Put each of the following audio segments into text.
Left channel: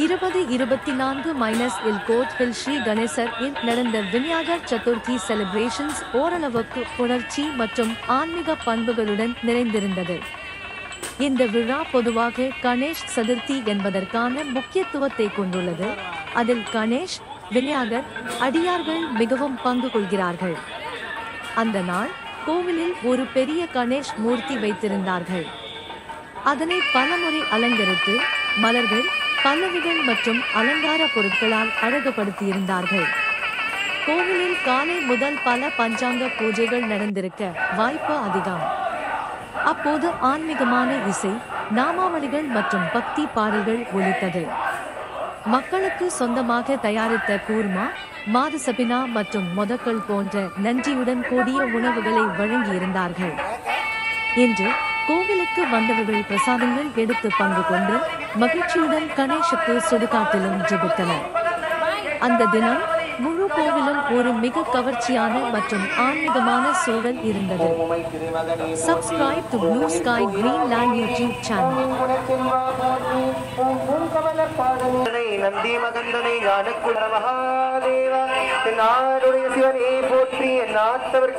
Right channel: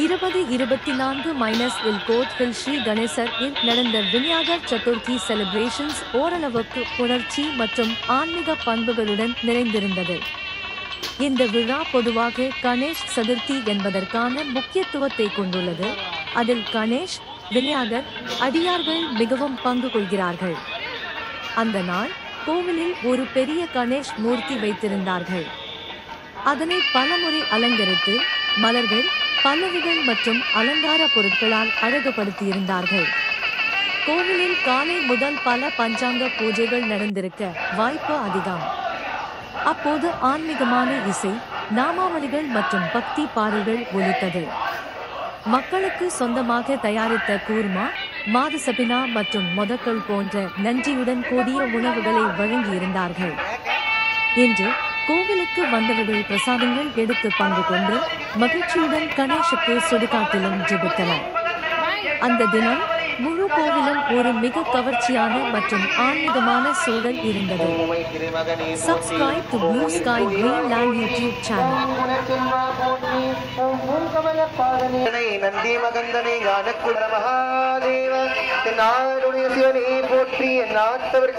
2024 code hill Sri Ganesar இல் நடந்த Vinayagar Chaturthi celebrations ஓரளவுக்கு புணர்ச்சி மற்றும் ஆன்மீக பண்புகளுடன் நிறைந்திருந்தது. இந்த விழா பொதுவாக கணேஷ் சதுர்த்தி என்பதற்கான முக்கியத்துவத்தை கொண்டுள்ளது. அதில் கணேஷ், விநாயகர், அடியார்கள் மிகவும் பங்கு கொள்கிறார்கள். அந்த நாள் கோவிலில் ஒரு பெரிய கணேஷ் மூர்த்தி வைத்திருந்தார்கள். அதனை பலமுறை அலங்கரித்து மலர்கள், பல்லவிகள் மற்றும் அலங்கார பொருட்களால் அழகுபடுத்தியிருந்தார்கள். கோவிலில் காலை முதல் பல பஞ்சாங்க பூஜைகள் நடந்திருக்க வாய்ப்பு அதிகம். அப்போது ஆன்மீகமான இசை, நாமாவளிகள் மற்றும் பக்தி பாடல்கள் ஒலித்தது. மக்களுக்கு சொந்தமாக தயாரித்த கூர்மா, மாதசபினா மற்றும் மொதக்கள் போன்ற நன்றியுடன் கூடிய உணவுகளை வழங்கியிருந்தார்கள். இன்று கோவிலுக்கு வந்தவர்கள் பிரசாதங்கள் எடுத்து பங்கு கொண்டு மகிழ்ச்சியுடன் கணேஷுக்கு சுடுகாட்டிலும் ஜெபித்தனர். அந்த தினம் முழு கோவிலும் ஒரு மிக கவர்ச்சியான மற்றும் ஆன்மீகமான சூழல் இருந்தது. Subscribe to Blue Sky Greenland YouTube channel. Nandi மகந்தனை ஞானக்குட Mahadeva நாடுடைய சிவனை போற்றி நாட்டவர்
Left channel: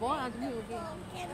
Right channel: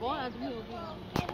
Bom,